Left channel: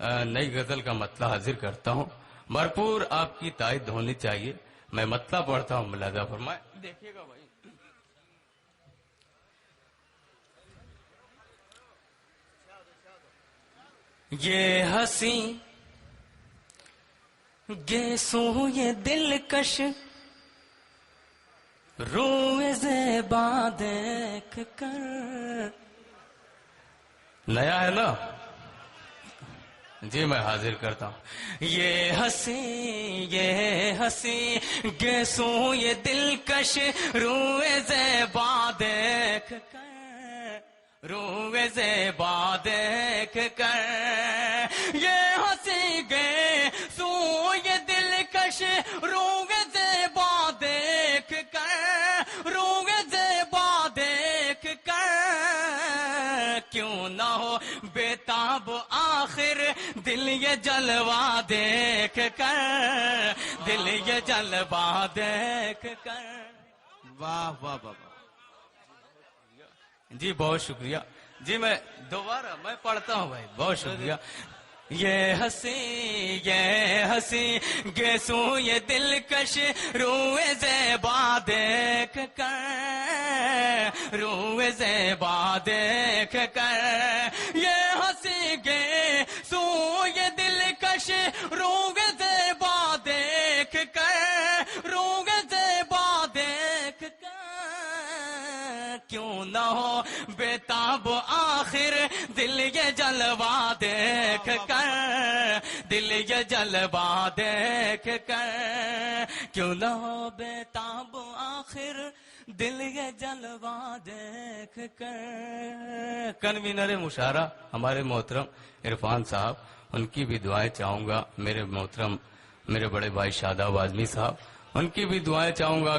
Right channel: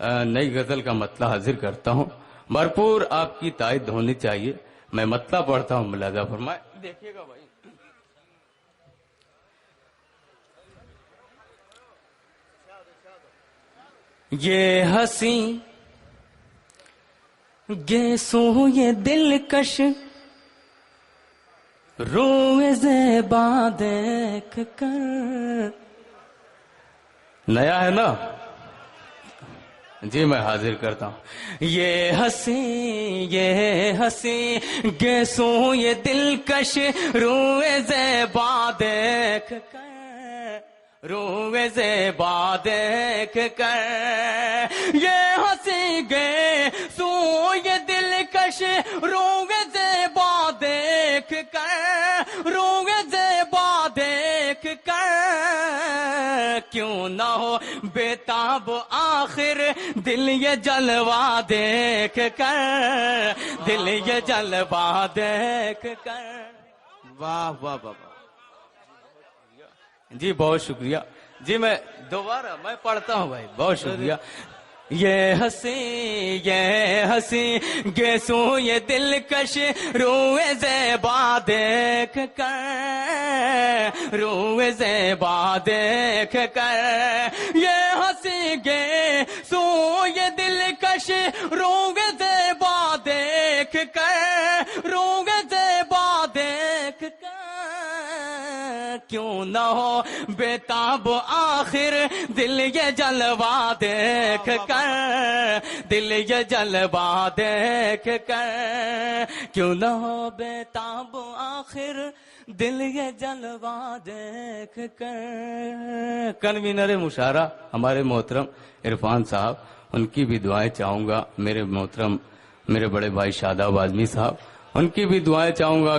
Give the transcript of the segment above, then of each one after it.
نئی غزل کا مطلع حاضر کرتا ہوں. بھرپور آپ کی تائید ہونی چاہیے. میں مطلع پڑھتا ہوں, ملاحظہ فرمائے. دیکھیے گا بھائی. یہ ہنسی گیسوں یہ دلکش روئے زیبا دیکھ کر. نیا ہے نا جی, میں حاضر کرتا ہوں. یہ ہنسی گیسوں یہ دلکش روئے زیبا دیکھ کر, روئے زیبا دیکھ کر. یہ ہنسی گیسوں یہ دلکش روئے زیبا دیکھ کر, روئے زیبا دیکھ کر. کیوں نہ ہو بےتاب آخر دل یہ جلوہ دیکھ کر, دل یہ جلوہ دیکھ کر. واہ واہ واہ واہ. جی بہت شکریہ جی. میں دوبارہ میں پڑھتا ہوں بھائی, بہت شکریہ. یہ ہنسی گیسوں یہ دلکش روئے زیبا دیکھ کر, روئے زیبا دیکھ کر. یہ ہنسی گیسوں یہ دلکش روئے زیبا دیکھ کر, روئے زیبا دیکھ کر. کیوں نہ ہو بےتاب آخر دل یہ جلوہ دیکھ کر, دل یہ جلوہ دیکھ کر. کیوں نہ ہو بےتاب آخر دل یہ جلوہ دیکھ کر. کنوینر مشاعرہ ہمارے محترم عرفان صاحب, ان کی بھی دعائیں چاہوں گا. میرے محترم میرے بڑے بھائی شاداب اعظمی صاحب, ان کی بھی دعائیں چاہوں گا.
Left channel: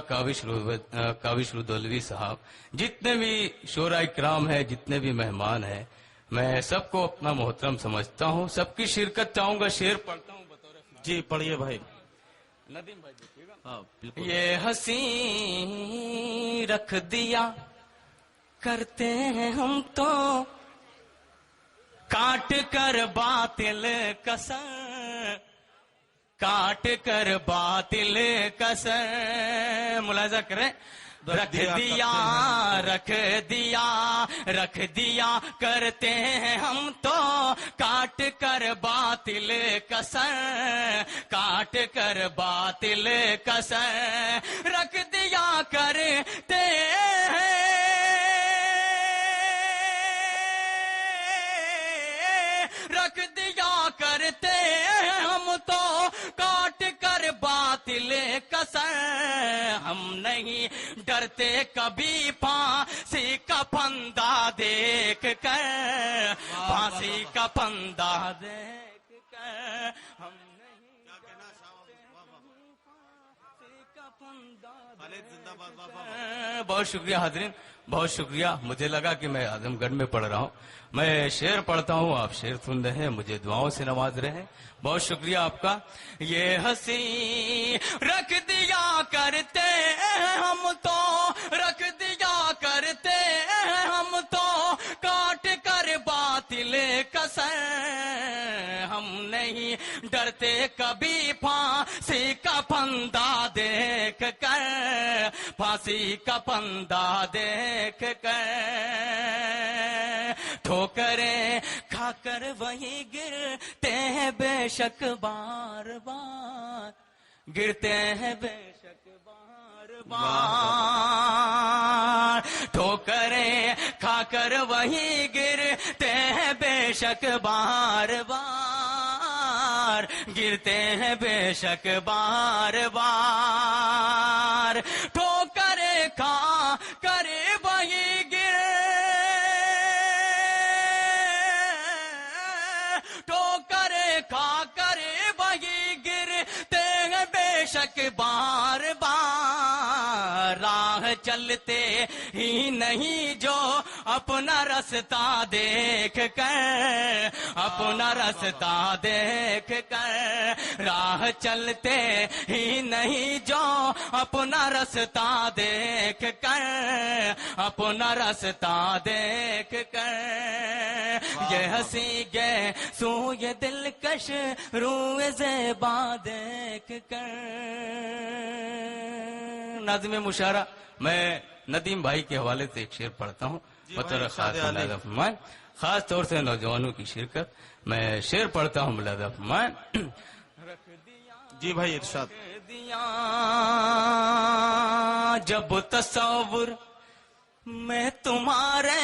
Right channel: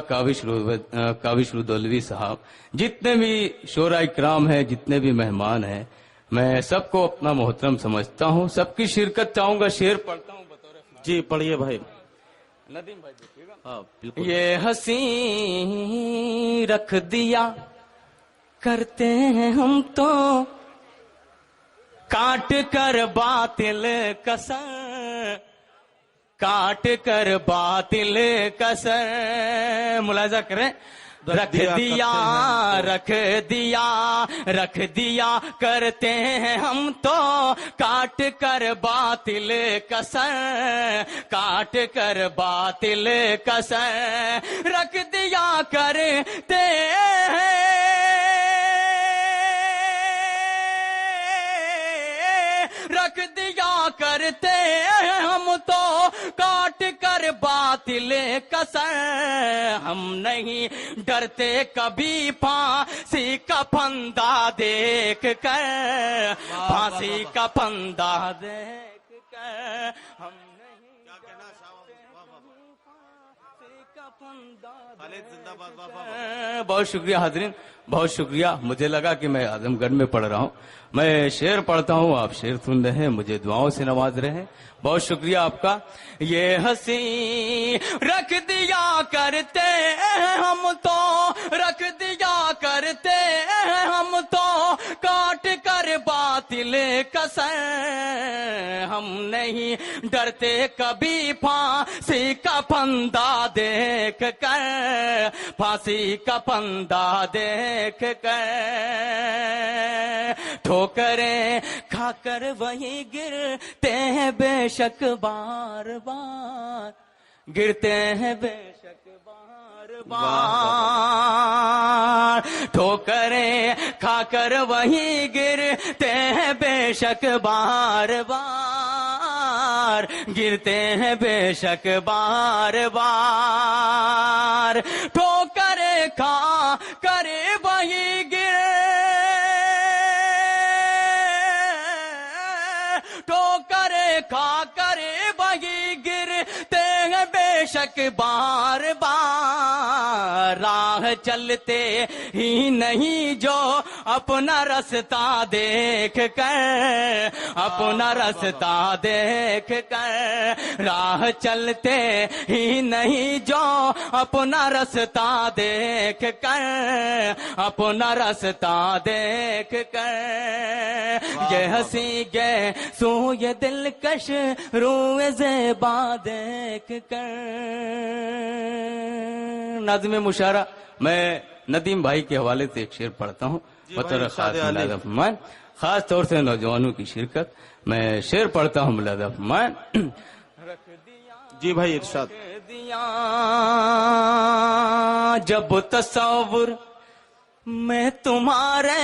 کاوش رودولوی صاحب, جتنے بھی شعراء اکرام ہیں, جتنے بھی مہمان ہیں, میں سب کو اپنا محترم سمجھتا ہوں. سب کی شرکت چاہوں گا. شعر پڑھتا ہوں بطور. جی پڑھیے بھائی. ندیم بھائی دیکھیے گا. ہاں بالکل. یہ ہنسی رکھ دیا کرتے ہیں ہم تو کاٹ کر باطل کسر, کاٹ کر باطل کسر. ملاحظہ کریں. رکھ دیا کرتے ہیں ہم تو کاٹ کر باطل کسر, کاٹ کر باطل کسر. رکھ دیا کرتے ہیں, رکھ دیا کرتے ہیں ہم تو کاٹ کر باطل کسر. ہم نہیں ڈرتے کبھی پھانسی کا پھندا دیکھ کر, پھانسی کا پھندا دیکھ کر. ہم نہیں ڈرتے پھانسی کا پھندا. بہت شکریہ حاضرین, بہت شکریہ. مجھے لگا کہ میں اعظم گڑھ میں پڑھ رہا ہوں. میں شعر پڑھتا ہوں, آپ شعر سن رہے ہیں, مجھے دعاؤں سے نواز رہے ہیں. بہت شکریہ آپ کا. یہ ہنسی رکھ دیا کرتے ہیں ہم تو, رکھ دیا کرتے ہیں ہم تو کاٹ کر باطل کسر. ہم نہیں ڈرتے کبھی پھانسی کا پھندا دیکھ کر, پھانسی کا پھندا دیکھ کر. ٹھوکریں کھا کر وہی گرتے ہیں بے شک بار بار, گرتے ہیں بے شک بار بار. ٹھوکریں کھا کر وہی گرتے ہیں بے شک بار بار, گرتے ہیں بے شک بار بار. ٹھوکریں کھا کر وہی کھا کر وہی گرتے ہیں بے شک بار بار. راہ چلتے ہی نہیں جو اپنا رستہ دیکھ کر، اپنا رستہ دیکھ کر، راہ چلتے ہی نہیں جو اپنا رستہ دیکھ کر، اپنا رستہ دیکھ کر، یہ ہنسی گئے سو یہ دلکش روئے زیبا دیکھ کر۔ نظم مشاعرہ میں ندیم بھائی کے حوالے سے ایک شعر پڑھتا ہوں بطور خاص ملاحظہ فرمائیں، خاص طور سے نوجوانوں کی شرکت میں شعر پڑھتا ہوں ملاحظہ فرمائیں۔ جی بھائی ارشاد۔ جب تصور میں تمہارے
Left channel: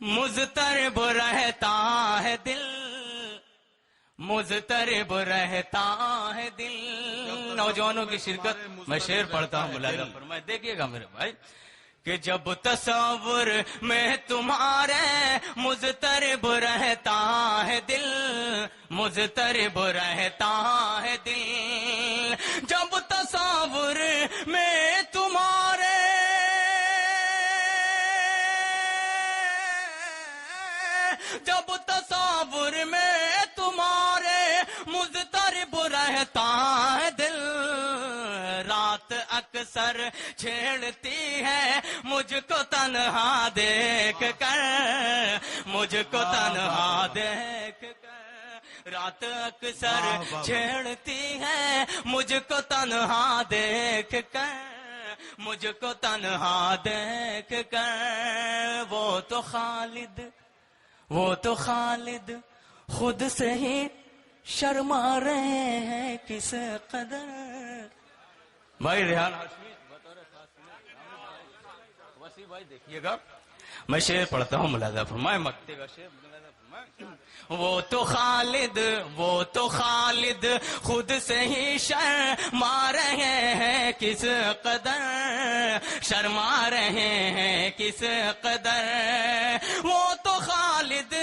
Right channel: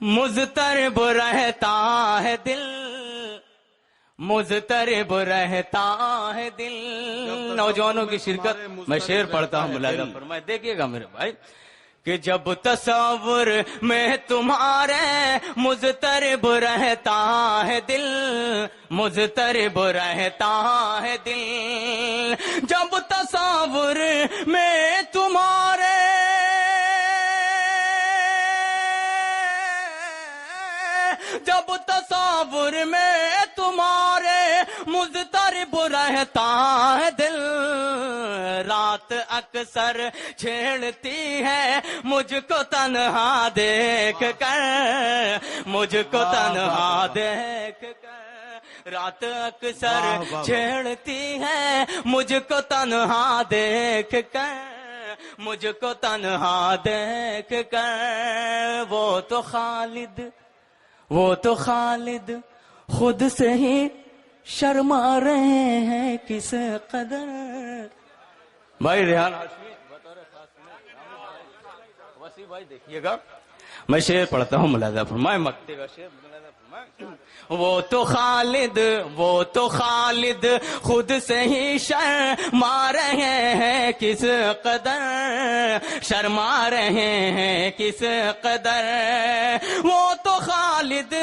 مضطرب رہتا ہے دل، مضطرب رہتا ہے دل۔ نوجوانوں کی شرکت میں شعر پڑھتا ہوں ملاحظہ فرمائیں، دیکھیے گا میرے بھائی کہ جب تصور میں تمہارے مضطرب رہتا ہے دل، مضطرب رہتا ہے دل، جب تصور میں تمہارے جب تصور میں تمہارے مضطرب رہتا ہے دل، رات اکثر چھیڑتی ہے مجھ کو تنہا دیکھ کر، مجھ کو تنہا دیکھ کر، رات اکثر چھیڑتی ہے مجھ کو تنہا دیکھ کر، مجھ کو تنہا دیکھ کر۔ وہ تو خالد خود سے ہی شرما رہے ہیں کس قدر۔ بھائی ریحان ہاشمی بطور خاص وسیع بھائی دیکھیے گا میں شعر پڑھتا ہوں ملاحظہ فرمائیں، مکتے کا شعر ملاحظہ فرمائیں۔ وہ تو خالد خود سے ہی شرما رہے ہیں کس قدر، شرما رہے ہیں کس قدر، وہ تو خالد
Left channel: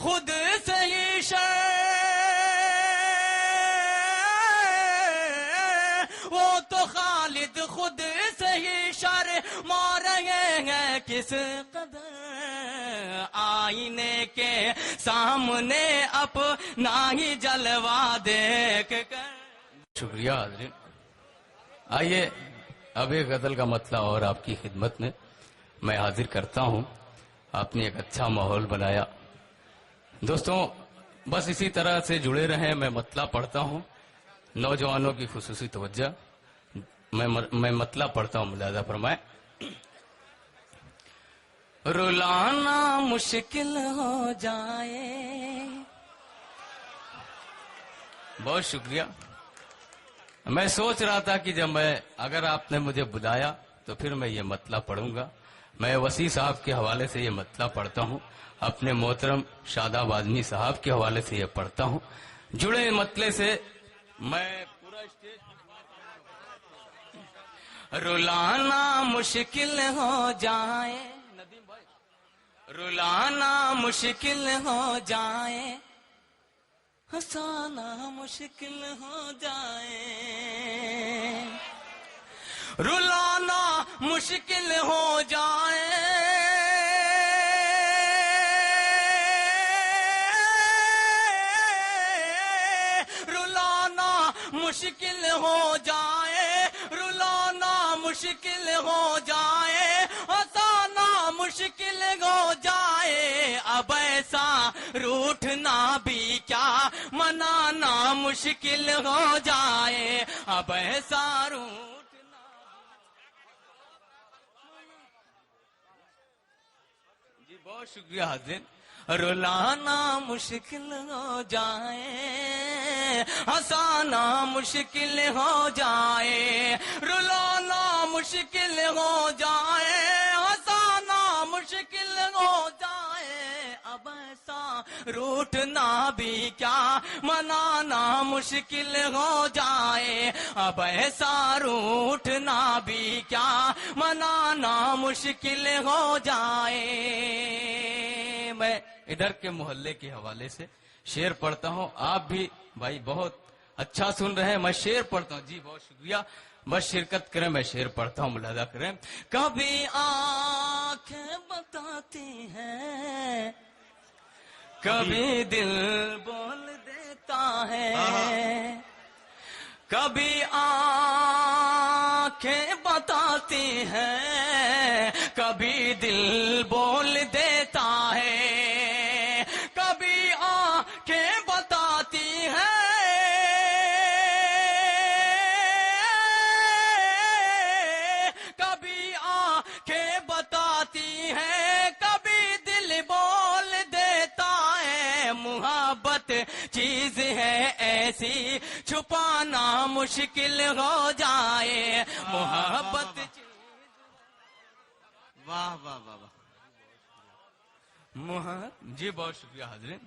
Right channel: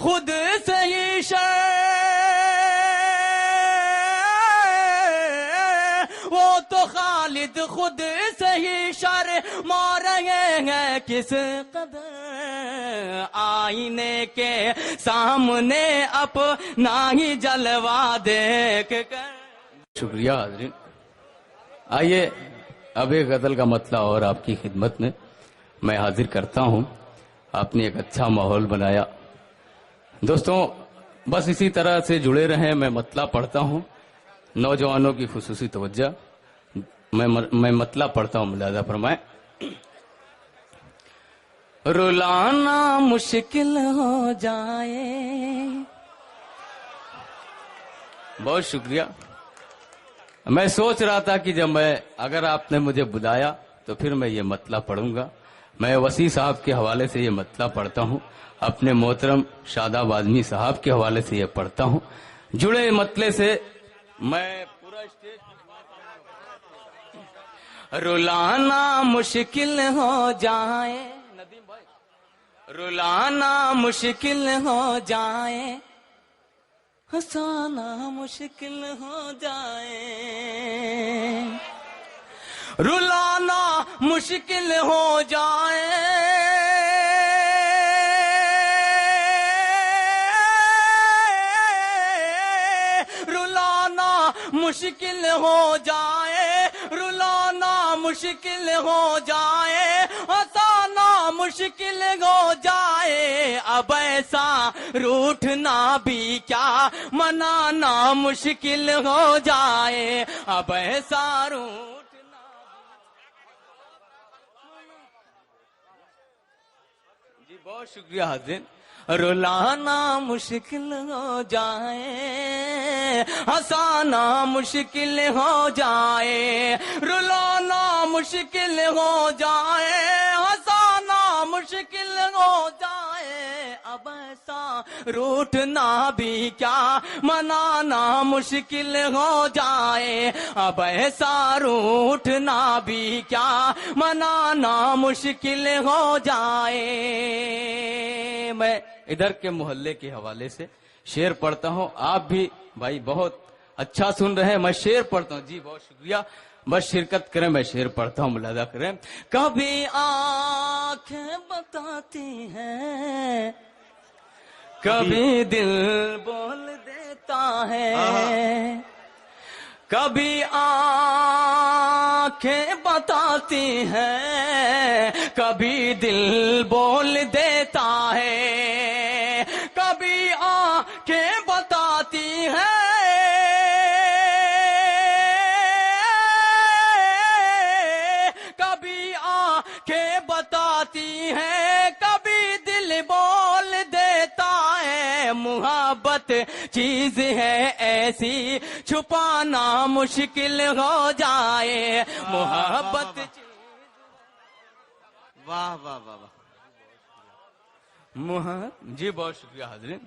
خود سے ہی وہ تو خالد خود سے ہی شرما رہے ہیں کس قدر، آئینے کے سامنے اپنا ہی جلوہ دیکھ کر۔ شکریہ حاضرین، آئیے اب ایک غزل کا مطلع اور آپ کی خدمت میں حاضر کرتا ہوں۔ آپ نے ایک اچھا ماحول بنایا دوستوں، بس اسی طرح سے جڑے رہیں۔ میں مطلع پڑھتا ہوں، نوجوانوں کی خصوصی توجہ، میں مطلع پڑھتا ہوں ملاحظہ فرمائیں۔ رلانا مشکل ہو جائے، بہت شکریہ۔ میں سوچ رہا تھا کہ جب اگر آپ نے مجھے بلایا تو پھر میں یہ مطلع پڑھوں گا۔ میں وسیع صاحب کے حوالے سے یہ مطلع پڑھتا ہوں، اپنے محترم شاداب اعظمی صاحب کے حوالے سے یہ پڑھتا ہوں۔ جڑے مطلع سے میں پورا اسٹیج رلانا مشکل ہو جائے، ندیم بھائی، رلانا مشکل ہو جائے، ہنسانا مشکل ہو جائے، رلانا مشکل ہو جائے، رلانا مشکل ہو جائے، رلانا مشکل ہو جائے، ہنسانا مشکل ہو جائے، اب ایسا روٹھنا بھی کیا منانا مشکل ہو جائے، اب ایسا روٹھنا۔ جی بہت شکریہ حاضرین۔ رلانا مشکل ہو جائے، ہنسانا مشکل ہو جائے، رلانا مشکل ہو جائے، ہنسانا مشکل ہو جائے، اب ایسا روٹھنا بھی کیا منانا مشکل ہو جائے، اب ایسا روٹھنا بھی کیا منانا مشکل ہو جائے۔ میں ادھر کے محلے کے حوالے سے شعر پڑھتا ہوں، آپ بھی بھائی بہت اچھا سن رہے ہیں. میں شعر پڑھتا ہوں. جی بہت شکریہ. بس شرکت کریں. میں شعر پڑھتا ہوں, ملاحظہ کریں. کبھی آنکھیں بتاتی ہیں, کبھی دل بول دیتا ہے, کبھی آنکھیں بتاتی ہیں, کبھی دل بول دیتا ہے, کبھی آنکھیں بتاتی ہیں, کبھی آنکھیں بتاتی ہیں, کبھی دل بول دیتا ہے. محبت چیز ہے ایسی چھپانا مشکل ہو جائے. محبت واہ واہ واہ واہ. جی بہت شکریہ حاضرین.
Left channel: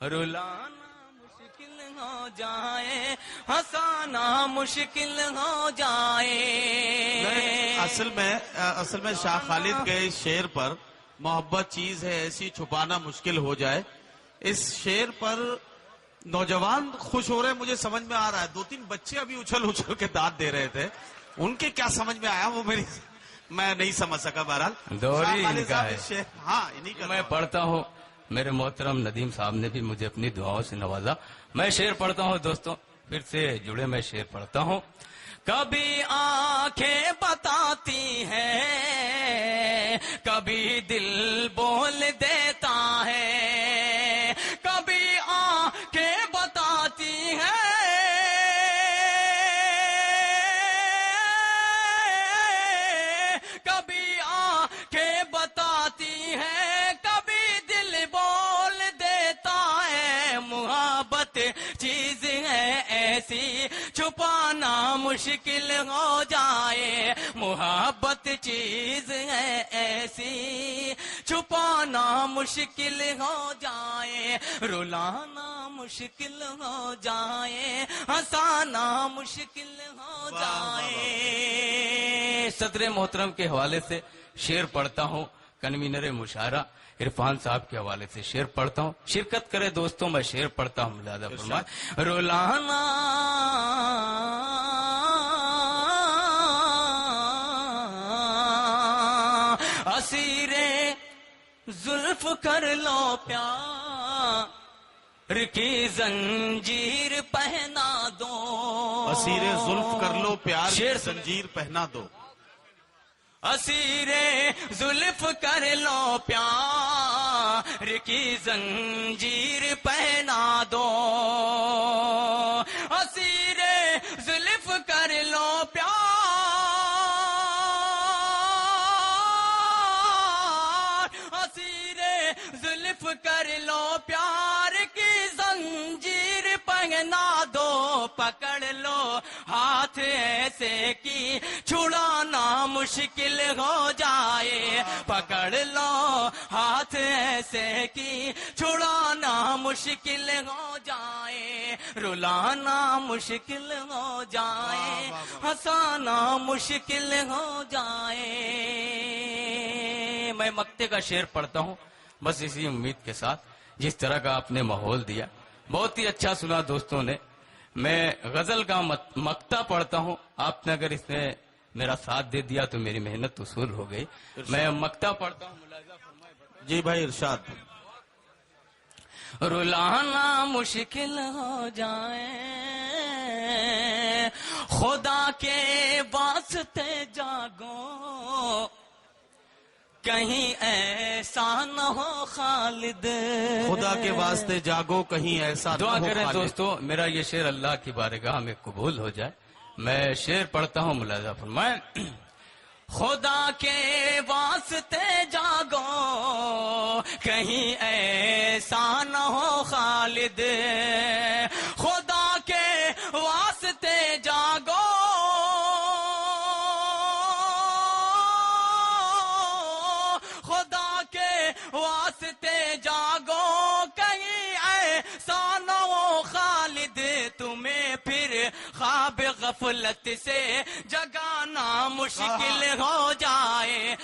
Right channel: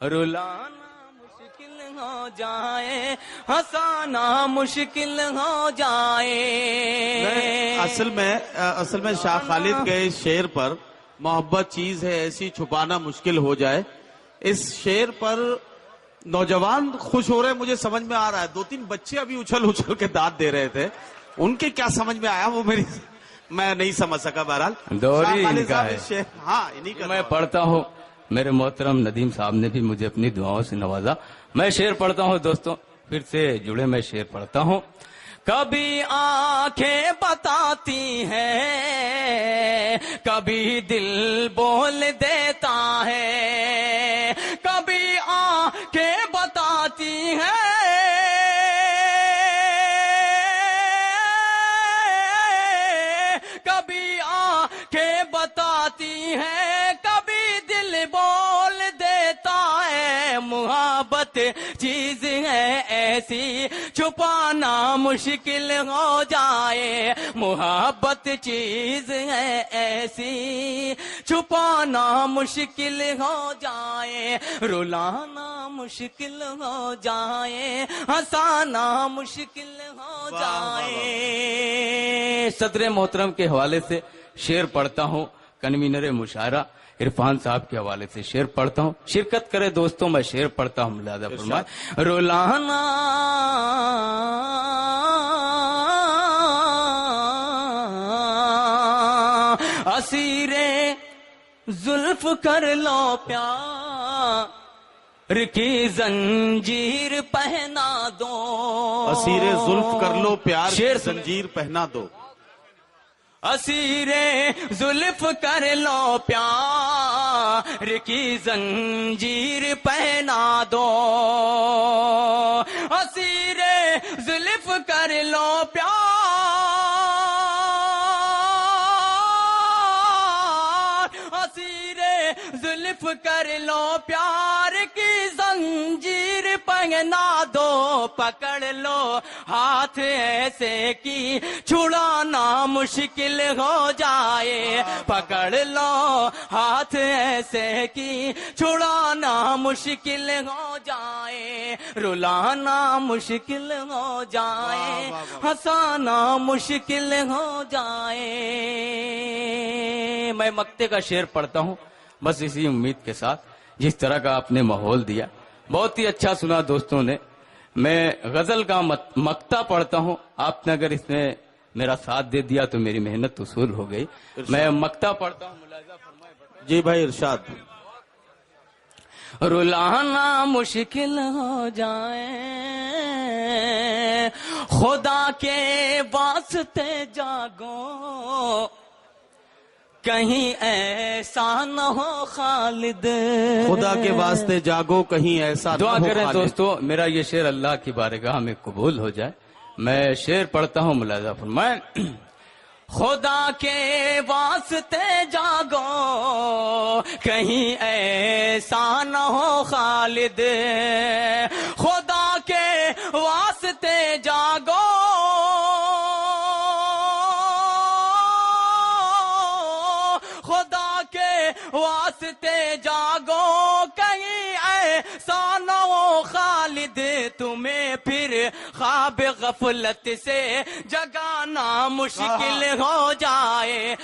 رلانا مشکل ہو جائے, ہنسانا مشکل ہو جائے. اصل میں شاہ خالد کے اس شعر پر محبت چیز ہے ایسی چھپانا مشکل ہو جائے, اس شعر پر نوجوان خوش ہو رہے ہیں. مجھے سمجھ میں آ رہا ہے. 2-3 بچے ابھی اچھل کے داد دے رہے تھے. ان کے کیا سمجھ میں آیا وہ میں نہیں سمجھ سکا. بہرحال دوری ان کا ہے. ہاں انہیں کا میں پڑھتا ہوں. میرے محترم ندیم صاحب نے بھی مجھے اپنی دعاؤں سے نوازا. میں شعر پڑھتا ہوں دوستوں, پھر سے جڑے. میں شعر پڑھتا ہوں. کبھی آنکھیں بتاتی ہیں, کبھی دل بول دیتا ہے, کبھی آنکھیں بتاتی ہیں, کبھی آنکھیں بتاتی ہیں, کبھی دل بول دیتا ہے. محبت چیز ہے ایسی چھپانا مشکل ہو جائے. محبت چیز ہے ایسی چھپانا مشکل ہو جائے. رلانا مشکل ہو جائے, ہنسانا مشکل ہو جائے. صدر محترم کے حوالے سے شعر پڑھتا ہوں. کنوینر مشاعرہ عرفان صاحب کے حوالے سے شعر پڑھتا ہوں. شرکت کرے دوستوں. میں شعر پڑھتا ہوں, ملاحظہ فرمائیں. رولانا اسیر زلف کر لو پیار کی زنجیر پہنا دو. اسیر زلف کر لو پیار کی زنجیر پہنا دو. اسیر زلف کر لو پیار کی زنجیر پہنا دو. اسیر زلف کر لو پیار, اسیر زلف کر لو پیار کی زنجیر پہنا دو. پکڑ لو ہاتھ ایسے کی چھڑانا مشکل ہو جائے. پکڑ لو ہاتھ ایسے کی چھڑانا مشکل ہو جائے. رلانا مشکل ہو جائے, ہنسانا مشکل ہو جائے. میں مکتے کا شعر پڑھتا ہوں بس اسی امید کے ساتھ. جس طرح کا آپ نے ماحول دیا بہت ہی اچھا سنا دوستوں نے. میں غزل کا مکتا پڑھتا ہوں. آپ نے اگر اس میں میرا ساتھ دے دیا تو میری محنت وصول ہو گئی. میں مکتا پڑھتا ہوں, ملاحظہ فرمائیں. جی بھائی ارشاد. رلانا مشکل ہو جائے, خدا کے واسطے جاگو, کہیں ایسا نہ ہو خالد. خدا کے واسطے جاگو کہیں ایسا نہ ہو. دعا کریں دوستو میرا یہ شعر اللہ کی بارگاہ میں قبول ہو جائے. میں شعر پڑھتا ہوں, ملاحظہ فرمائیں. خدا کے واسطے جاگو کہیں ایسا نہ ہو خالد. خدا کے واسطے جاگو, خدا کے واسطے جاگو کہیں ایسا نہ ہو خالد. تمہیں پھر خواب غفلت سے جگانا مشکل ہو جائے.